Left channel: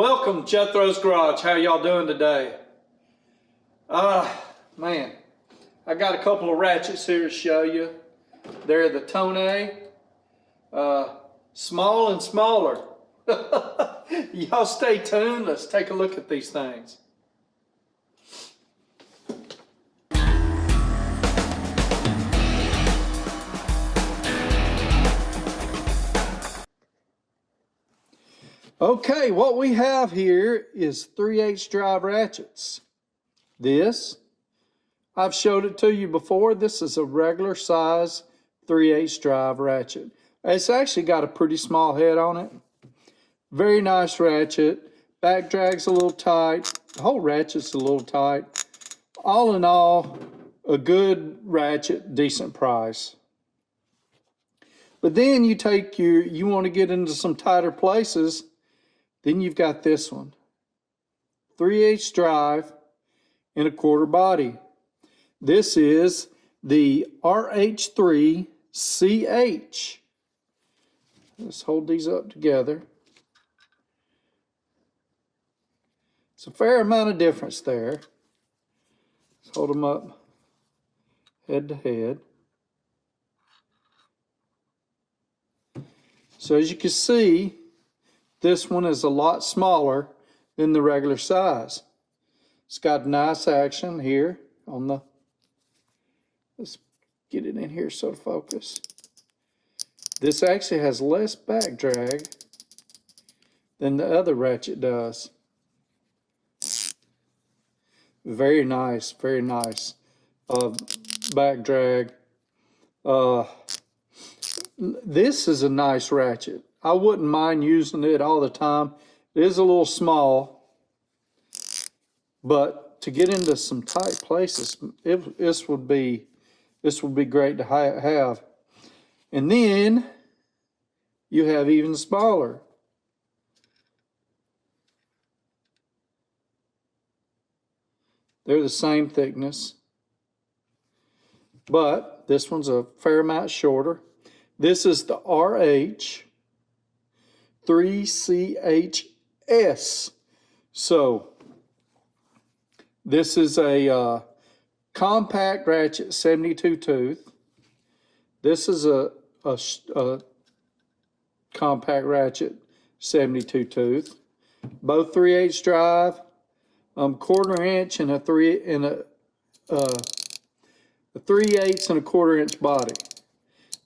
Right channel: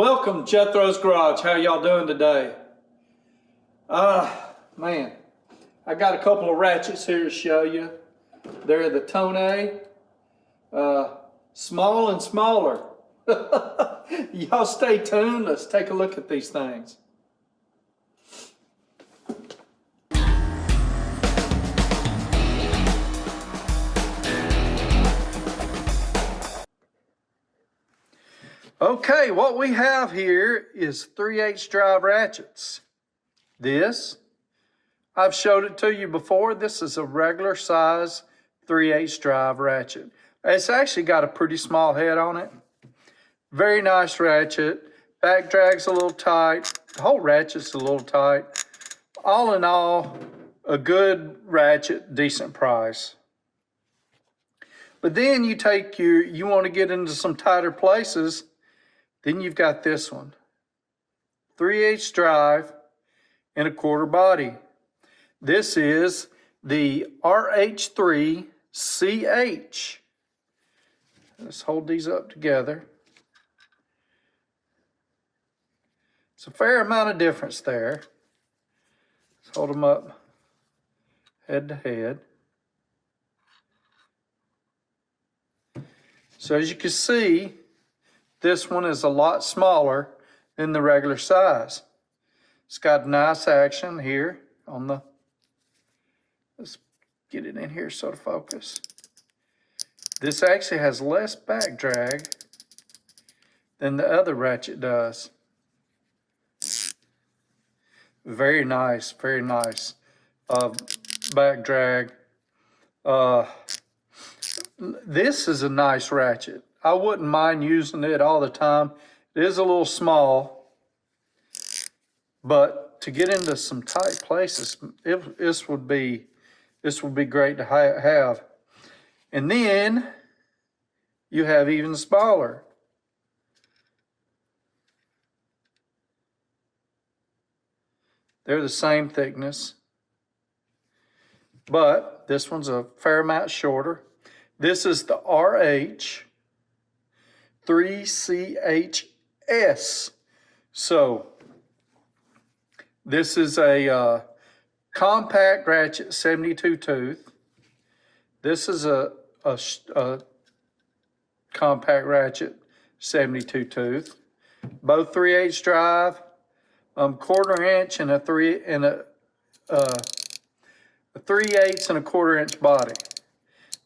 Welcome, Jethro's Garage. How y'all doing today? Man, I got a couple of ratchets here to show you. They're the Tone, small and smaller. Y'all stay tuned. Let's take a look at these things. Okay, what we have here is 3/8 drive ratchets. This, I've showed it to you before. This is a regular size 3/8 drive ratchet. It's actually got a pretty small head on it. Very nice ratchet. Back drag's a little tight. The whole ratchet's a little tight. All in all, a good ratchet, decent price. But then you take you want to get into some tighter places, then you've got this one. 3/8 drive and a quarter body. This is the RH3CH. Let's hold these up together. It's a fair amount of difference there. Let's hold them up head to head. So as you can see, this one is a lot smaller than the regular size. It's got nice action here on the, let's get it in here so to focus. This actually has less back drag than the other ratchet does. Very nice, very nice back drag. This is a nice ratchet. I wouldn't mind using it all the time. It is a little small, but to get into some tight places, this would be great to have. And then you have even smaller. They're the same thickness, but this one's a fair amount shorter. This is the RH3CHS. So this is a compact ratchet 72 tooth. This is a compact ratchet 72 tooth. Both 3/8 drive, 1/4 inch and a 3/8 and a 1/4 inch body.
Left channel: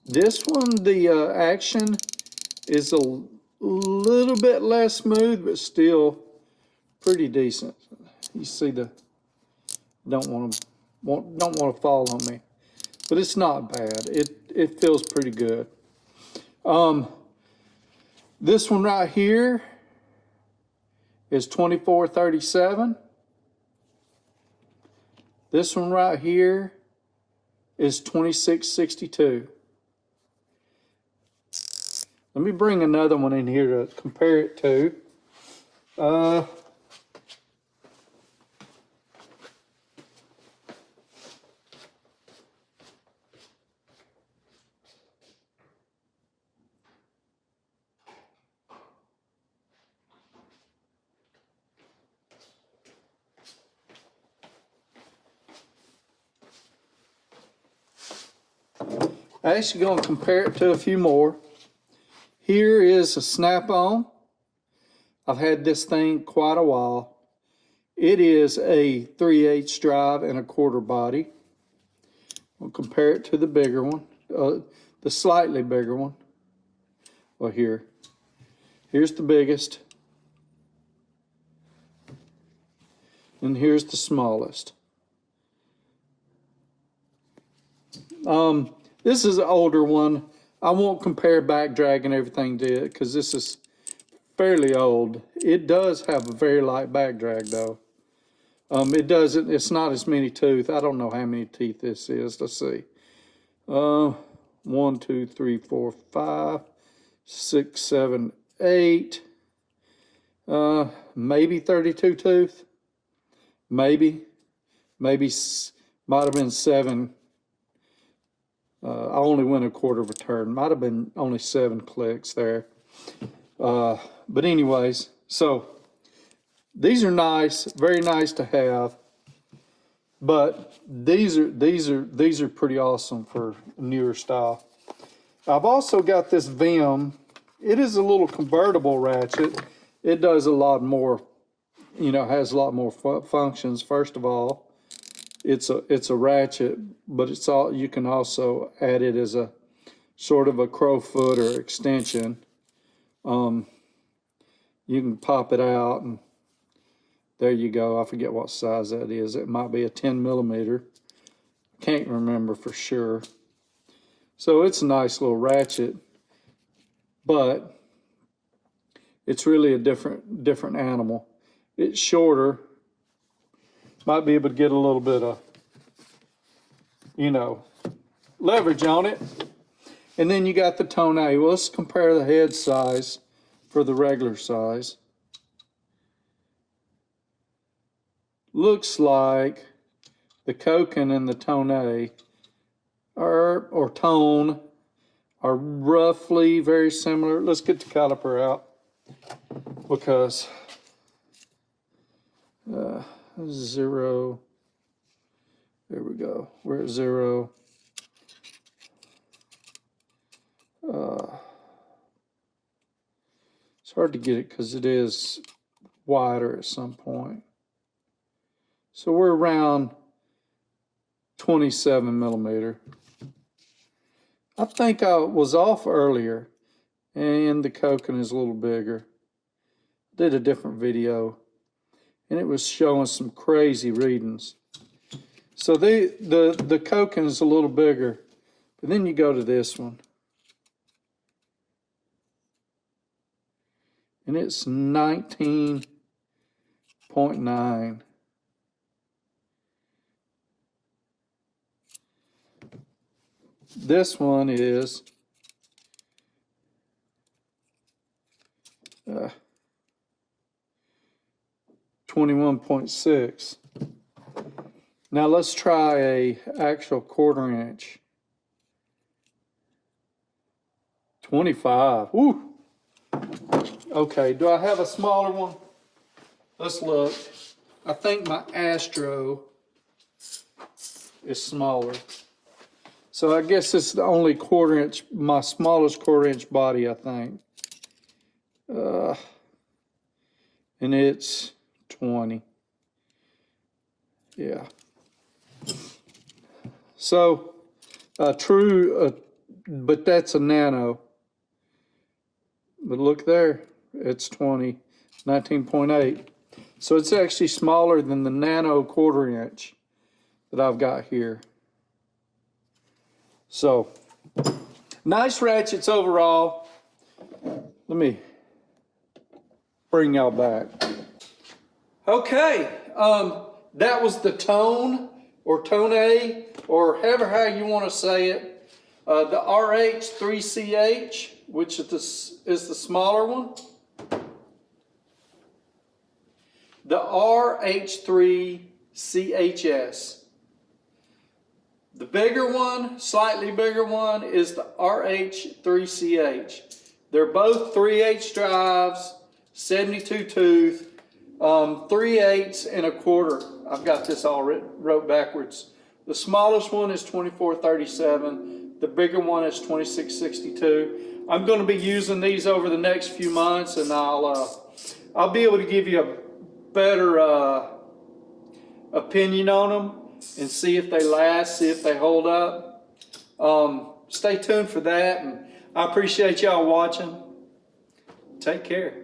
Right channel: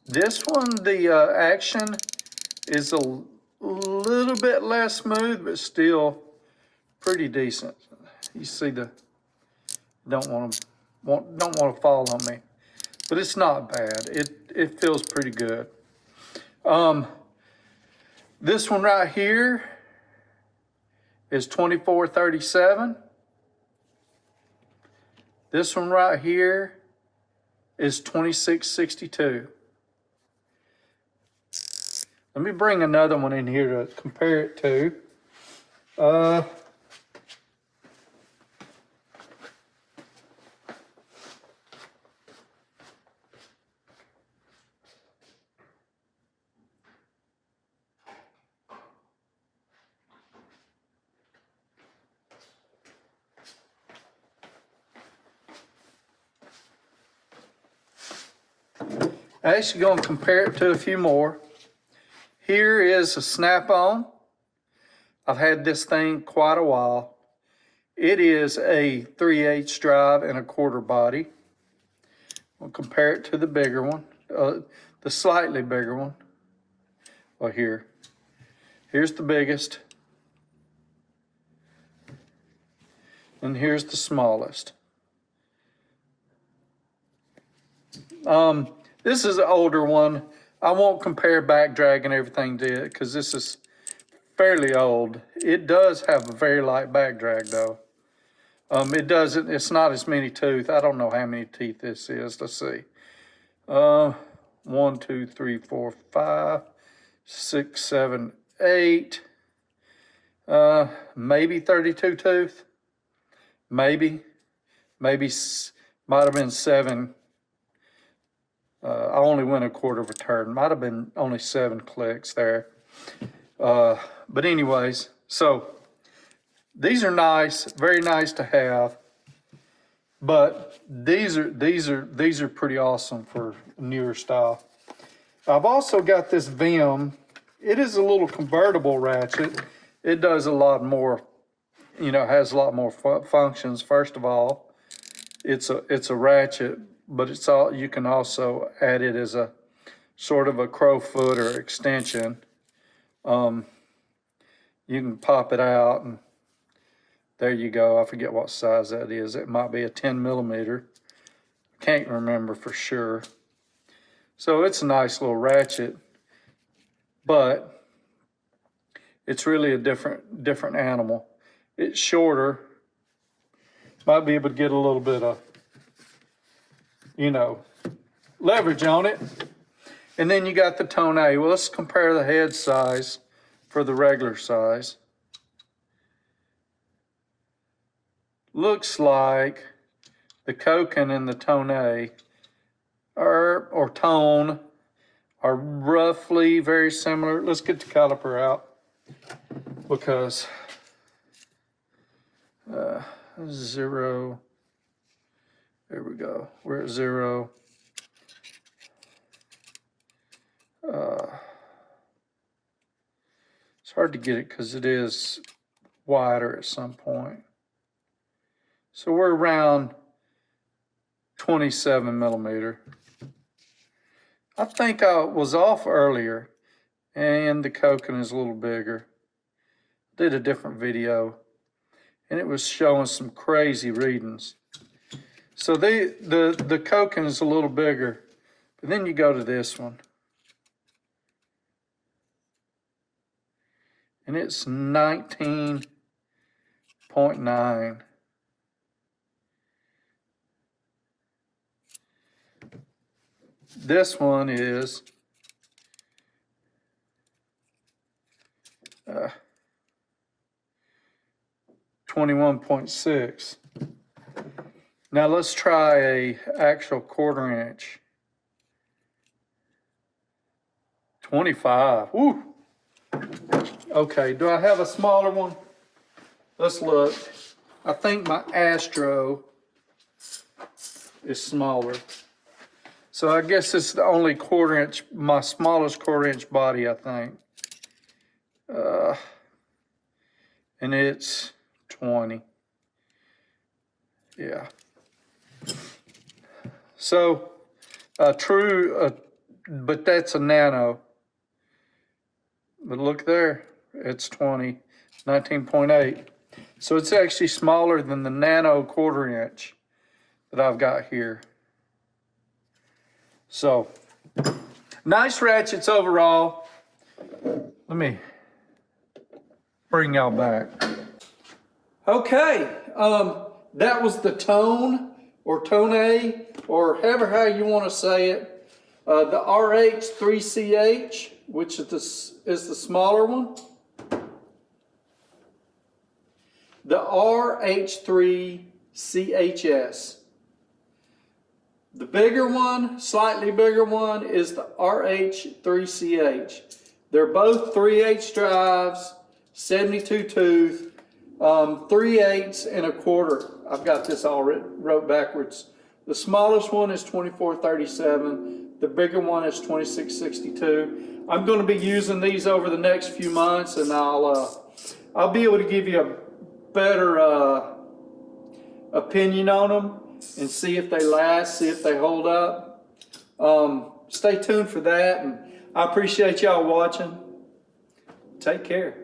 This one, the action is a little bit less smooth, but still pretty decent. You see the, don't want to fall on me, but it's not bad. It feels pretty good. This one right here is 2437. This one right here is 2662. Let me bring another one in here to compare it to. Actually going to compare it to a few more. Here is a snap-on. I've had this thing quite a while. It is a 3/8 drive and a 1/4 body. We'll compare it to the bigger one, the slightly bigger one. Well, here's the biggest, and here's the smallest. This is an older one. I won't compare back drag and everything to it because this is fairly old. It does have a very light back drag though. It's not as many teeth. I don't know how many teeth this is. Let's see. 1, 2, 3, 4, 5, 6, 7, 8. Maybe 32 tooth. Maybe might have been 7. I only went 1/4 of a turn. Might have been only 7 clicks there. But anyways, so These are nice, very nice to have, but these are pretty awesome for newer style. I've also got this Vim. It is a little convertible ratchet. It does a lot more, you know, has a lot more functions. First of all, it's a ratchet, but it's all, you can also add it as a sort of a crowfoot or extension. You can pop it out and there you go. I forget what size that is. It might be a 10 millimeter. Can't remember for sure. So it's a nice little ratchet, but it's really a different animal. It's shorter. Might be able to get a little bit of, you know, leverage on it. And then you got the Tone A. Well, let's compare the head size for the regular size. Looks like the Koken and the Tone A or Tone are roughly very similar. Let's get the caliper out because 0. There we go. We're at 0. It's hard to get it because it is wider at some point. So we're around 27 millimeter. I think I was off earlier, and the Koken is a little bigger. Did a different video, and it was showing some crazy readings. So the Koken is a little bigger, but then you go to this one, and it's 19.9. This one is 21.6. Now let's try a actual 1/4 inch. 25. Woo. Okay, do I have a smaller one? Let's look. I think my Astro is smaller. So I guess it's the only 1/4 inch, my smallest 1/4 inch body, I think. And it's 20. Yeah. So but that's a nano. But look there, it's 20, 19.8. So it's actually smaller than the nano 1/4 inch that I've got here. So, nice ratchets overall. Let me bring y'all back. Okay, that was the Tone or Tone A, or however how you want to say it. The RH3CH, which is the smaller one. The RH3CHS. The bigger one, slightly bigger one, is the RH3CH. They're both 3/8 drives, 72 tooth, 3/8 and 1/4. I've got this all wrote backwards. The smallest one is 2437. The bigger one is 2662. I'm going to be using these over the next few months, and I'll be able to give you a better opinion on them and see if they last, see if they hold up. Stay tuned for that, and I appreciate y'all watching. Take care.